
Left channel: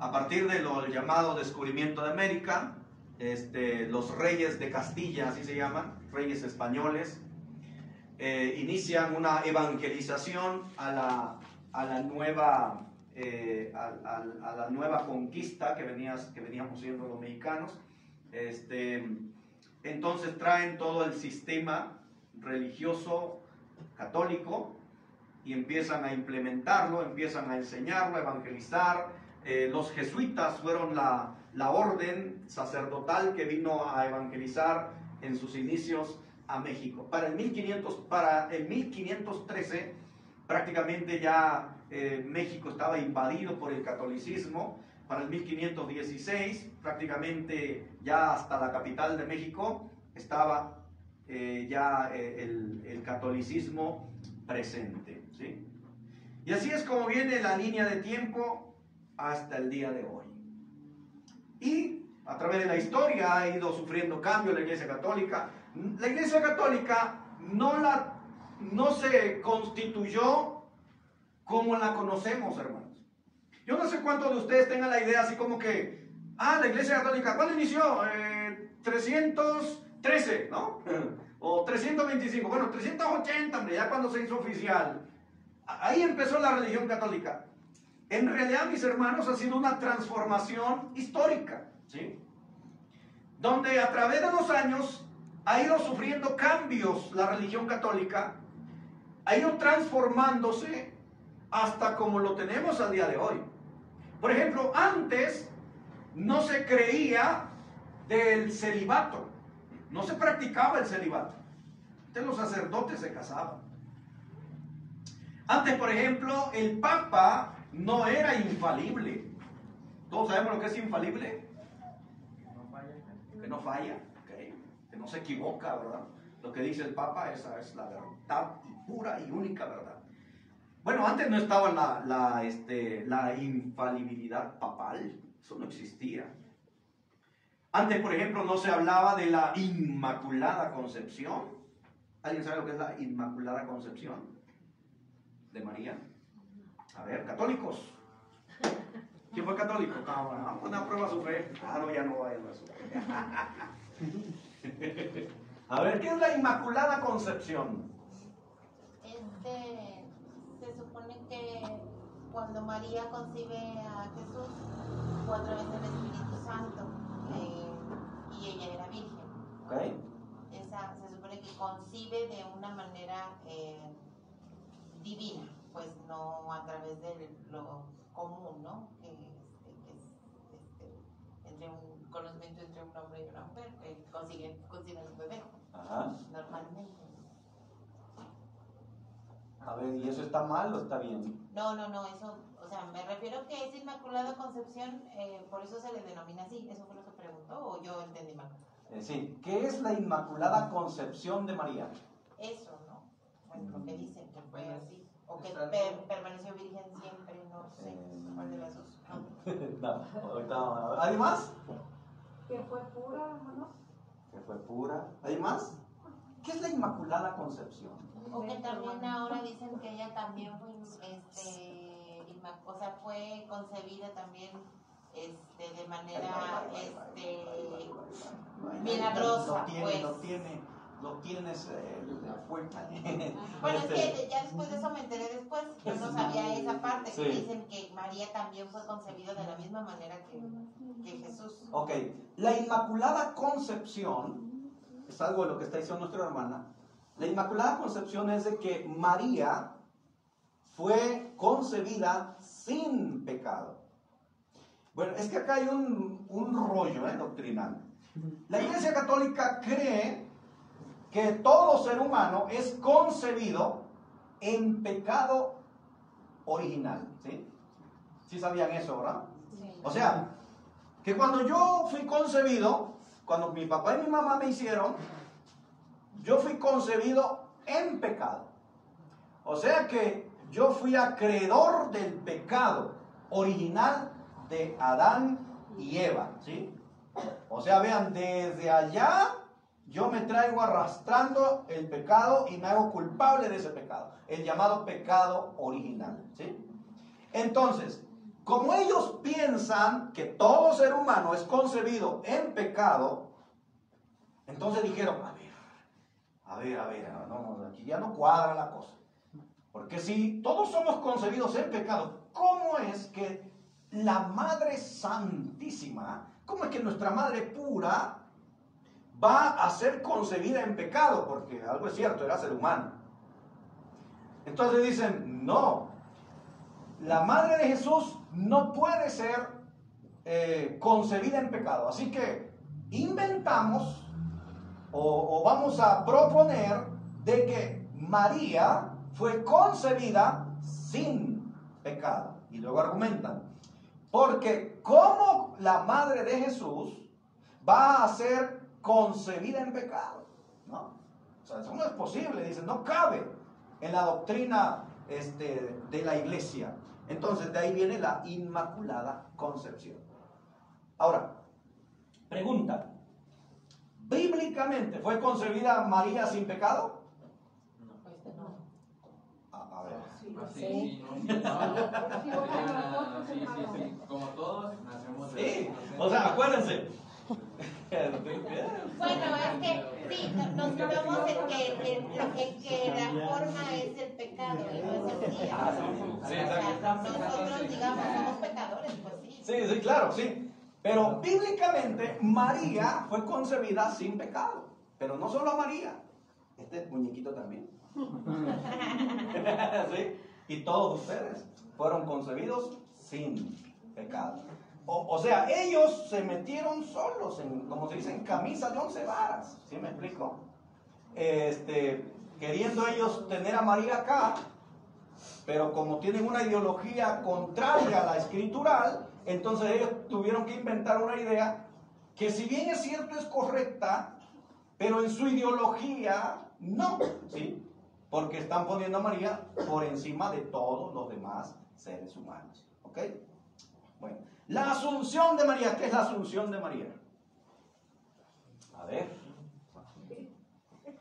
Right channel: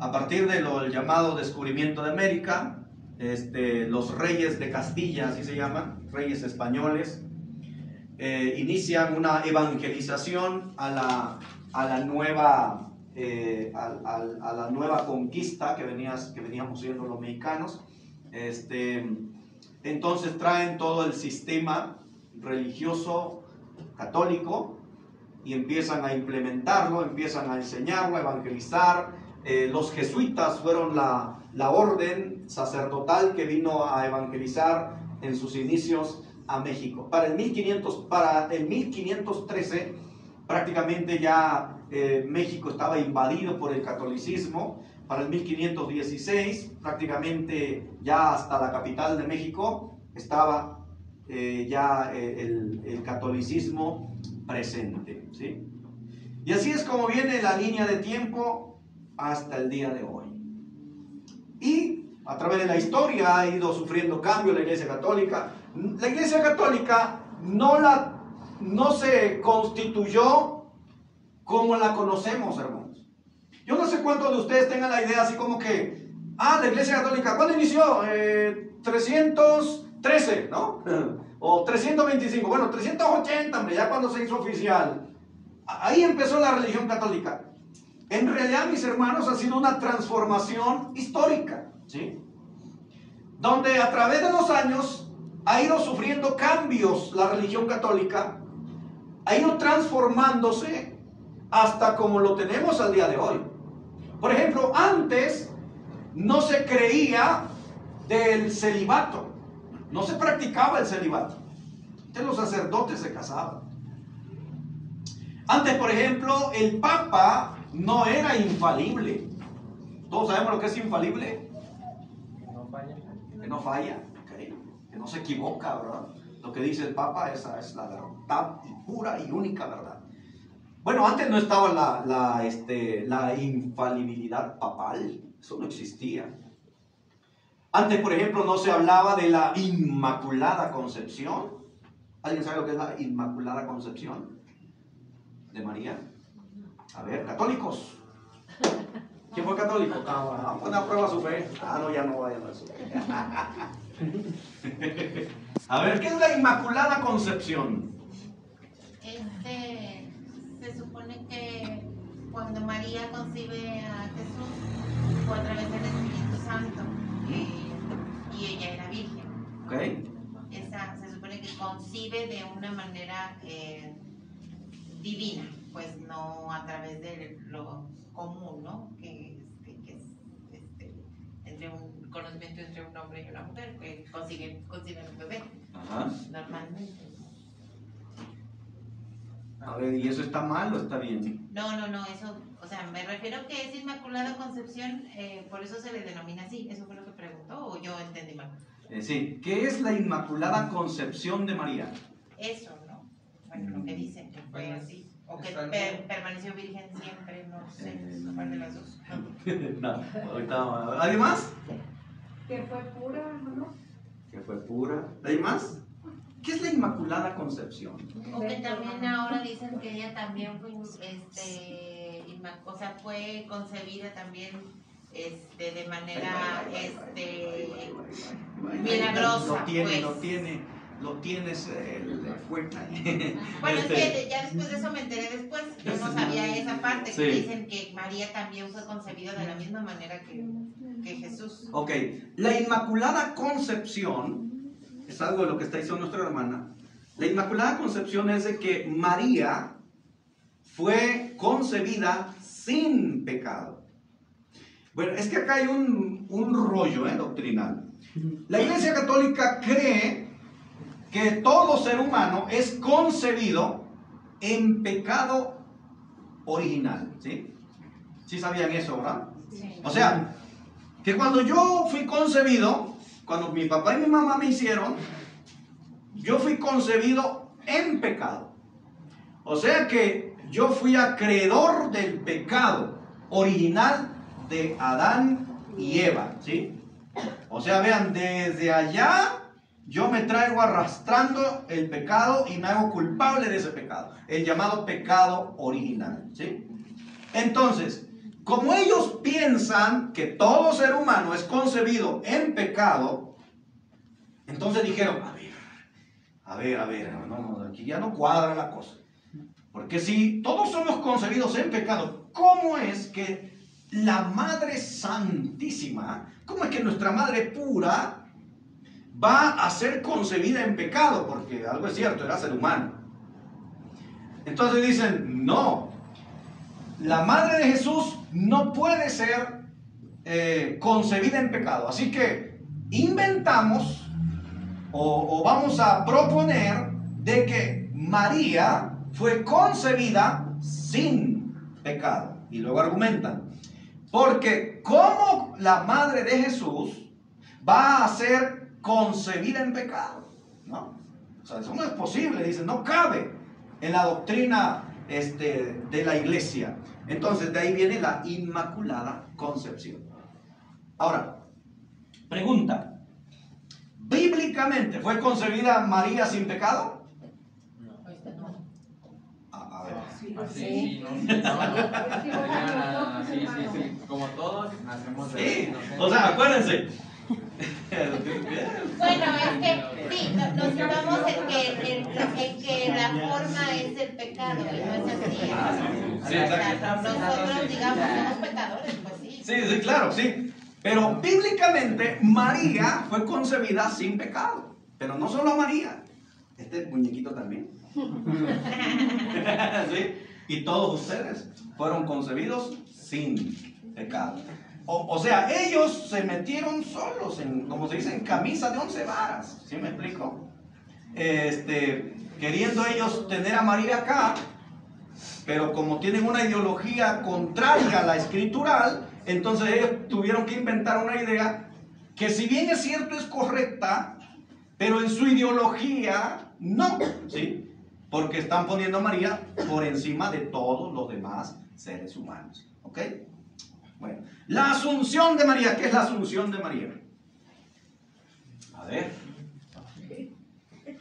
A partir del llamado descubrimiento de América, los reyes de Castilla, así se llaman, reyes españoles, inician una evangelización a la nueva conquista que veníamos siendo los mexicanos. Entonces traen todo el sistema religioso católico y empiezan a implementarlo, empiezan a enseñarlo, a evangelizar. Los jesuitas fueron la orden sacerdotal que vino a evangelizar en sus inicios a México. Para el 1513 prácticamente ya México estaba invadido por el catolicismo. Para el 1516 prácticamente ya hasta la capital de México estaba ya el catolicismo presente, ¿sí? Y así es como viene la línea de tiempo hasta el día de hoy. Y a través de la historia ha ido sufriendo cambios la Iglesia Católica. La Iglesia Católica no se constituyó como la conocemos, hermanos. Yo no sé cuántos de ustedes tengan la idea así como que, la Iglesia Católica, ¿cuándo inició? 313, ¿no? O 325, bueno, 380, hombre, ya cuando se hizo oficial. Ahí empezó la religión católica. En realidad, mis hermanos, ha sido una transformación histórica, ¿sí? Donde a través de los años ha ido sufriendo cambios la religión católica, ha ido transformándose hasta como lo tenemos al día de hoy. Por ejemplo, antes no se creía del celibato, no se practicaba el celibato. Antes los sacerdotes se casaban. Antes, por ejemplo, el Papa no era infalible. ¿Todos sabemos lo que es infalible? Que no falla, ¿okay? Que no se equivoca, ¿verdad? Lo que dice el Papa, esa es la verdad y pura y única verdad. Bueno, antes no estaba la infalibilidad papal, eso no existía. Antes, por ejemplo, no se hablaba de la Inmaculada Concepción. ¿Alguien sabe lo que es la Inmaculada Concepción de María? A ver, católicos. ¿Quién fue católico? Vamos a poner a prueba su fe. No, ya no vayan a su fe. A ver, ¿qué es la Inmaculada Concepción? Se supone que cuando María concibe a Jesús fue a través del Espíritu Santo, y ella era virgen. Okay. Se supone que concibe de una manera divina, pues no a través de lo común, ¿no? Que es entre un conocimiento entre un hombre y una mujer, que conciben un bebé. Ajá. Normalmente. A ver, ¿y eso está mal o está bien? No, eso, o sea, me refiero que es Inmaculada Concepción, por eso se le denomina así. ¿Eso fue lo que preguntó o yo entendí mal? Sí, ¿qué es la Inmaculada Concepción de María? Eso, ¿no? Bueno, lo que dicen, que fue así. O que permaneció virgen siempre, no sé cuál de las dos. No, ahorita. ¿Alguien más? Que fue pura, ¿no? Que fue pura. ¿Alguien más? ¿Qué es la Inmaculada Concepción? O que también ahora dicen que ella también fue, fue concebida también de manera milagrosa. Lo tienes fuerte. Bueno, es que ya después de eso me enteré después, yo no sabía esa parte, que dicen que María también fue concebida de la misma manera que Jesús. Ok, la Inmaculada Concepción es algo de lo que está diciendo nuestra hermana. La Inmaculada Concepción es de que María fue concebida sin pecado. Bueno, es que acá hay un rollo doctrinal. La Iglesia Católica cree que todo ser humano es concebido en pecado original, ¿sí? ¿Sí sabían eso, verdad? Sí. O sea, que cuando yo fui concebido, cuando mi papá y mi mamá me hicieron, yo fui concebido en pecado. O sea que yo fui acreedor del pecado original de Adán y Eva, ¿sí? O sea, vean, desde allá yo me traigo arrastrando el pecado y me hago culpable de ese pecado, el llamado pecado original, ¿sí? Entonces, como ellos piensan que todo ser humano es concebido en pecado, entonces dijeron, a ver, no, aquí ya no cuadra la cosa. Porque si todos somos concebidos en pecado, ¿cómo es que la Madre Santísima, cómo es que nuestra Madre pura va a ser concebida en pecado? Porque algo es cierto, era ser humano. Entonces dicen, no, la Madre de Jesús no puede ser concebida en pecado. Así que inventamos o vamos a proponer de que María fue concebida sin pecado. Y luego argumentan, porque ¿cómo la Madre de Jesús va a ser concebida en pecado? ¿No? sea, eso no es posible, dice, no cabe en la doctrina de la iglesia. Entonces, de ahí viene la Inmaculada Concepción. Ahora, pregunta, ¿bíblicamente fue concebida María sin pecado? A ver. Sí, como todos nacemos de Sí, inocentes. o sea, acuérdense. Bueno, es que sí, nos situamos en que la forma es el pecado, y no es así. Sí, O sea, exacto. nosotros, digamos, somos pecadores, pues sí. Sí, claro, sí. Pero bíblicamente María fue concebida sin pecado. Pero no solo María, este muñequito también. ¿Sí? Y todos ustedes fueron concebidos sin pecado. O sea, ellos se metieron solos, como se dice, en camisa de 11 varas. ¿Sí me explico? Queriendo ellos tener a María acá, pero como tienen una ideología contraria a la escritural, entonces ellos tuvieron que inventar una idea que, si bien es cierto, es correcta, pero en su ideología no, ¿sí? Porque están poniendo a María por encima de todos los demás seres humanos. ¿Ok? Bueno, la Asunción de María. ¿Qué es la Asunción de María? A ver,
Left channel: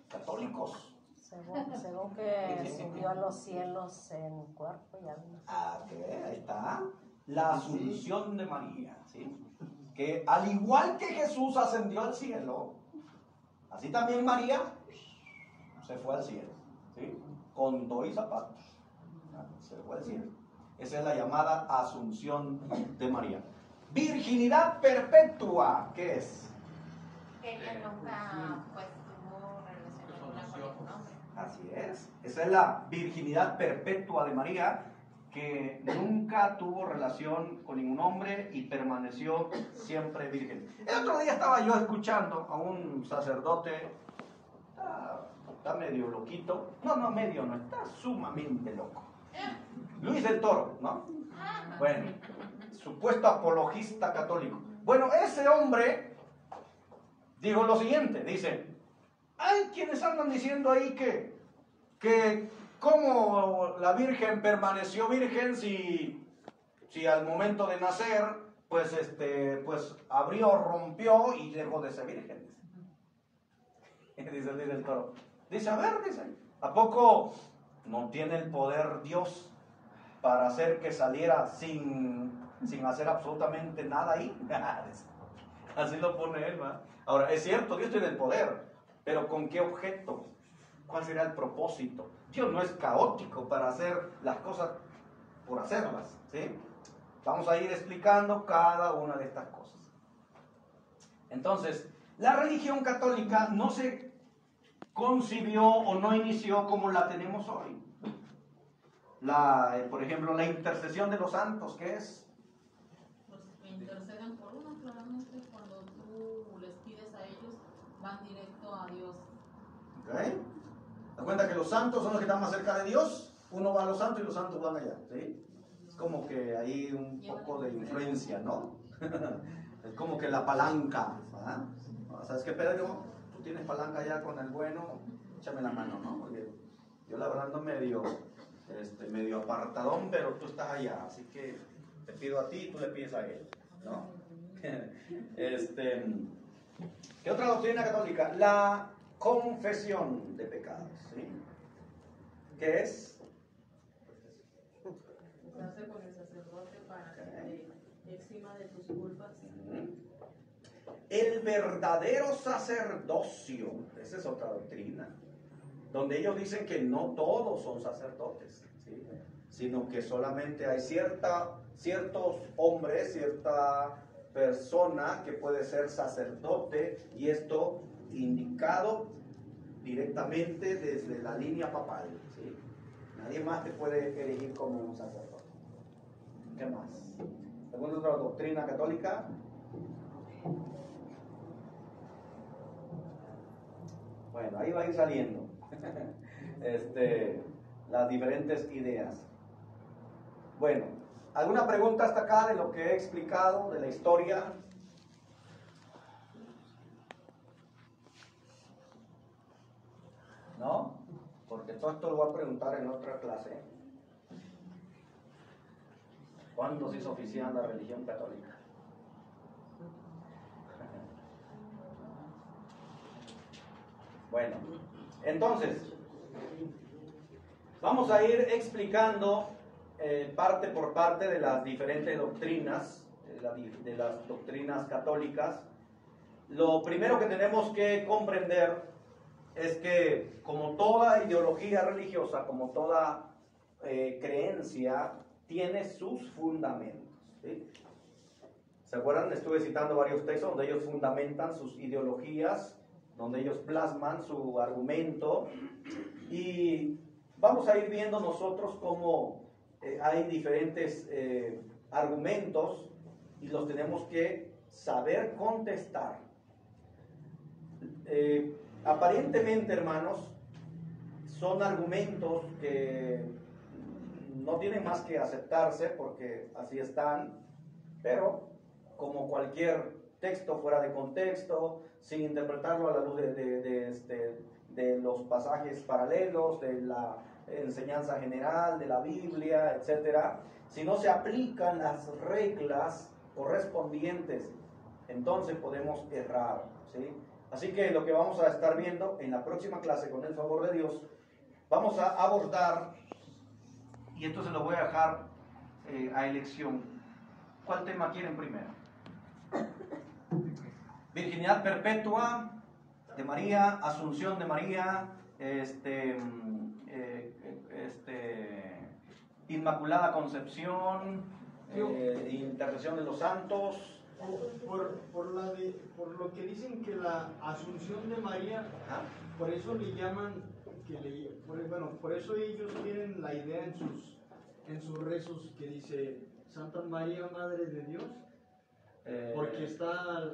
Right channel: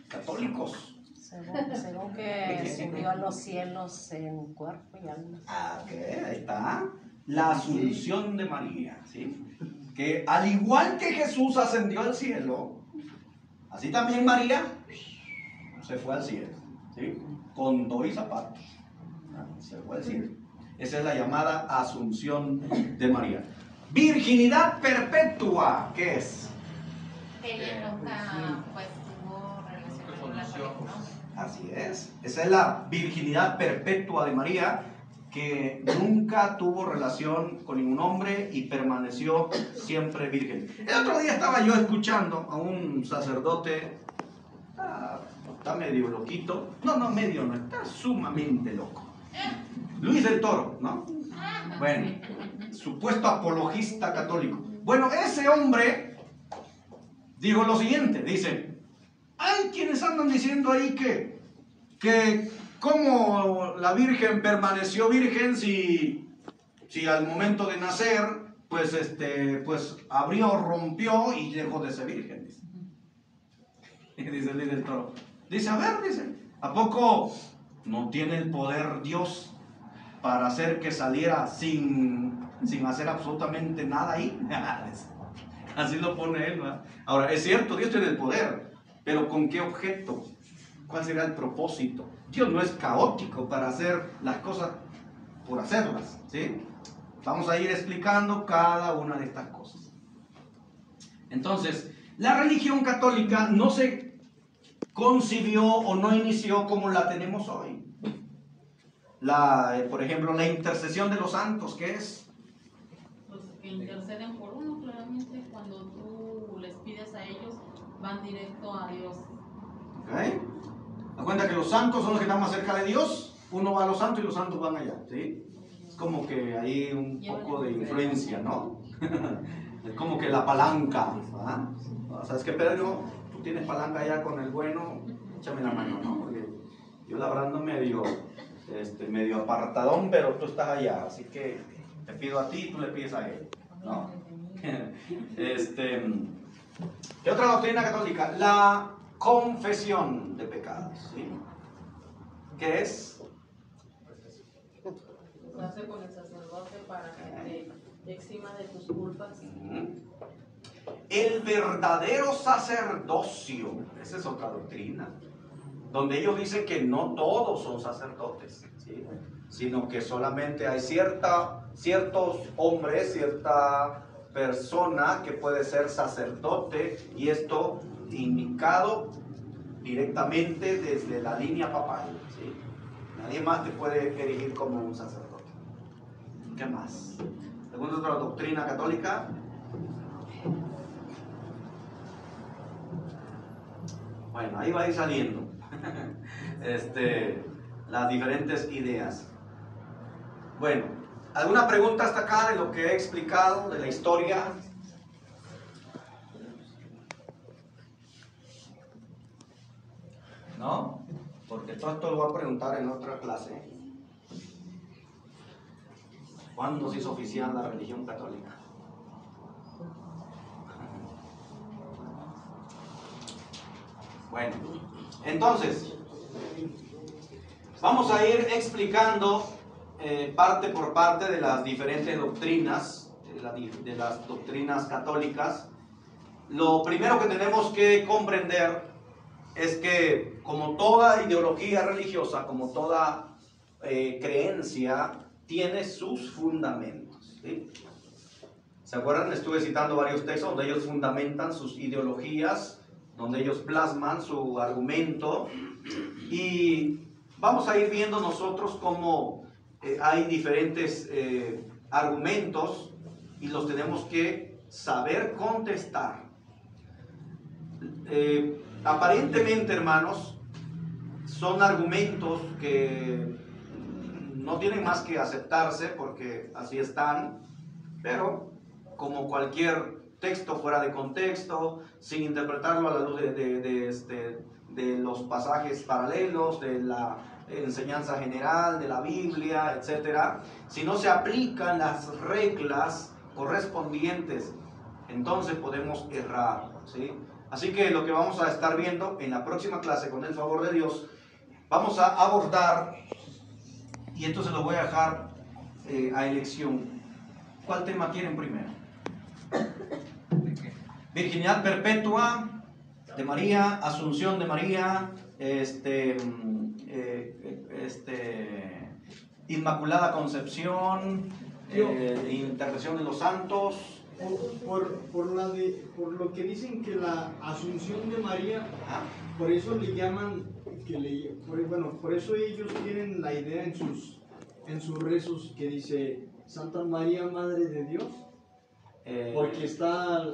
católicos. Según que subió a los cielos en cuerpo y alma. Ok, ahí está. La Asunción de María, ¿sí? Que al igual que Jesús ascendió al cielo, así también María se fue al cielo, ¿sí? Con dos zapatos. Se fue al cielo. Esa es la llamada Asunción de María. Virginidad perpetua, ¿qué es? Que ella nunca, pues, tuvo relación con la pareja, ¿no? Así es. Esa es la virginidad perpetua de María, que nunca tuvo relación con ningún hombre y permaneció siempre virgen. El otro día estaba yo escuchando a un sacerdote, está medio loquito, no, medio no, está sumamente loco. Luis del Toro, ¿no? Bueno, supuesto apologista católico. Bueno, ese hombre dijo lo siguiente, dice, hay quienes andan diciendo ahí que cómo la Virgen permaneció virgen si al momento de nacer, pues abrió, rompió y dejó de ser virgen. Dice Luis del Toro. Dice, a ver, dice, ¿a poco no tiene el poder Dios para hacer que saliera sin hacer absolutamente nada ahí? Así lo pone él, ¿no? Ahora, es cierto, Dios tiene el poder, pero ¿con qué objeto? ¿Cuál será el propósito? Dios no es caótico para hacer las cosas por hacerlas, ¿sí? Vamos a ir explicando cada una de estas cosas. Entonces, la religión católica no se concibió o no inició como la tenemos hoy. Por ejemplo, la intercesión de los santos, ¿qué es? Pues que interceden por uno, claramente. Cuando tú les pides a ellos, van directo a Dios. ¿Ok? ¿Te cuenta que los santos son los que están más cerca de Dios? Uno va a los santos y los santos van allá, ¿sí? Es como que hay un poco de influencia, ¿no? Es como que la palanca, ¿verdad? ¿Sabes qué, Pedro? Tú tienes palanca allá con el bueno, échame la mano, ¿no? Porque yo la verdad ando medio apartadón, pero tú estás allá, así que te pido a ti y tú le pides a él, ¿no? ¿Qué otra doctrina católica? La confesión de pecados, ¿sí? ¿Qué es? Casarse con el sacerdote para que te exima de tus culpas. El verdadero sacerdocio, esa es otra doctrina, donde ellos dicen que no todos son sacerdotes, ¿sí? Sino que solamente hay ciertos hombres, cierta persona que puede ser sacerdote, y esto indicado directamente desde la línea papal, ¿sí? Nadie más te puede erigir como un sacerdote. ¿Qué más? ¿Alguna otra doctrina católica? Bueno, ahí va a ir saliendo las diferentes ideas. Bueno, ¿alguna pregunta hasta acá de lo que he explicado, de la historia? Todo esto lo voy a preguntar en otra clase. ¿Cuándo se hizo oficial la religión católica? Bueno, entonces, vamos a ir explicando parte por parte de las diferentes doctrinas, de las doctrinas católicas. Lo primero que tenemos que comprender es que, como toda ideología religiosa, como toda creencia, tiene sus fundamentos, ¿sí? ¿Se acuerdan? Estuve citando varios textos donde ellos fundamentan sus ideologías, donde ellos plasman su argumento, y vamos a ir viendo nosotros cómo hay diferentes argumentos y los tenemos que saber contestar. Aparentemente, hermanos, son argumentos que no tienen más que aceptarse porque así están, pero como cualquier texto fuera de contexto, sin interpretarlo a la luz de los pasajes paralelos, de la enseñanza general, de la Biblia, etc., si no se aplican las reglas correspondientes, entonces podemos errar, ¿sí? Así que lo que vamos a estar viendo en la próxima clase, con el favor de Dios, vamos a abordar, y esto se lo voy a dejar a elección. ¿Cuál tema quieren primero? Virginidad perpetua de María, Asunción de María, Inmaculada Concepción, intercesión de los santos. Por lo que dicen que la Asunción de María, por eso le llaman, por eso ellos tienen la idea en sus rezos que dice Santa María, Madre de Dios. Porque está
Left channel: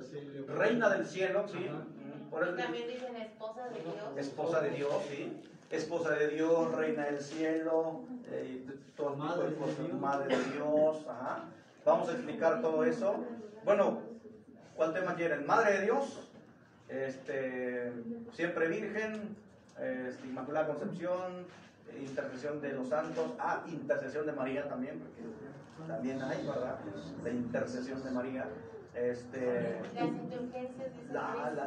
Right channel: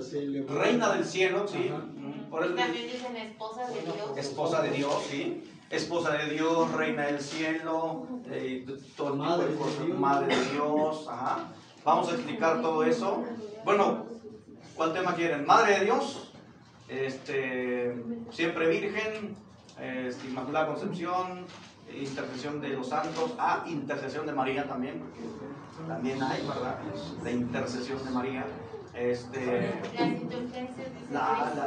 se le... Reina del cielo, sí. Por eso también dicen esposa de Dios. Esposa de Dios, sí. Esposa de Dios, Reina del cielo, todo tipo de cosas. Madre de Dios, ajá. Vamos a explicar todo eso. Bueno, ¿cuál tema quieren? Madre de Dios, siempre virgen, Inmaculada Concepción, intercesión de los santos, intercesión de María también, porque también hay, ¿verdad? La intercesión de María. Las indulgencias.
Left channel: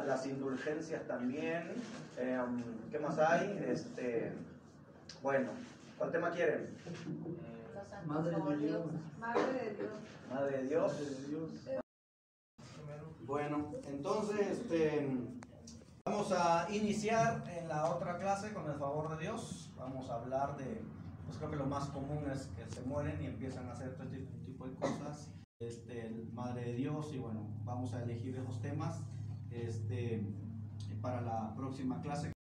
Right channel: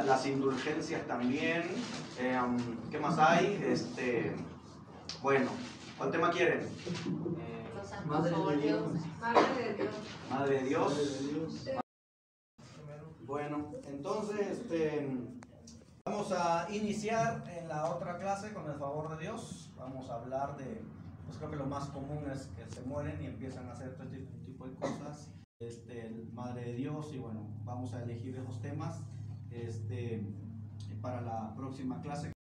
Las indulgencias también. ¿Qué más hay? Bueno, ¿cuál tema quieren? Los santos óleos. Madre de Dios. Bueno, entonces vamos a iniciar en la otra clase con el favor de Dios. Vamos a hablar de, pues creo que lo más común es que se mueren y empiezan a hacer todo este tipo de cosas. Madre de Dios, y bueno, vamos a elegir esos temas para la próxima clase.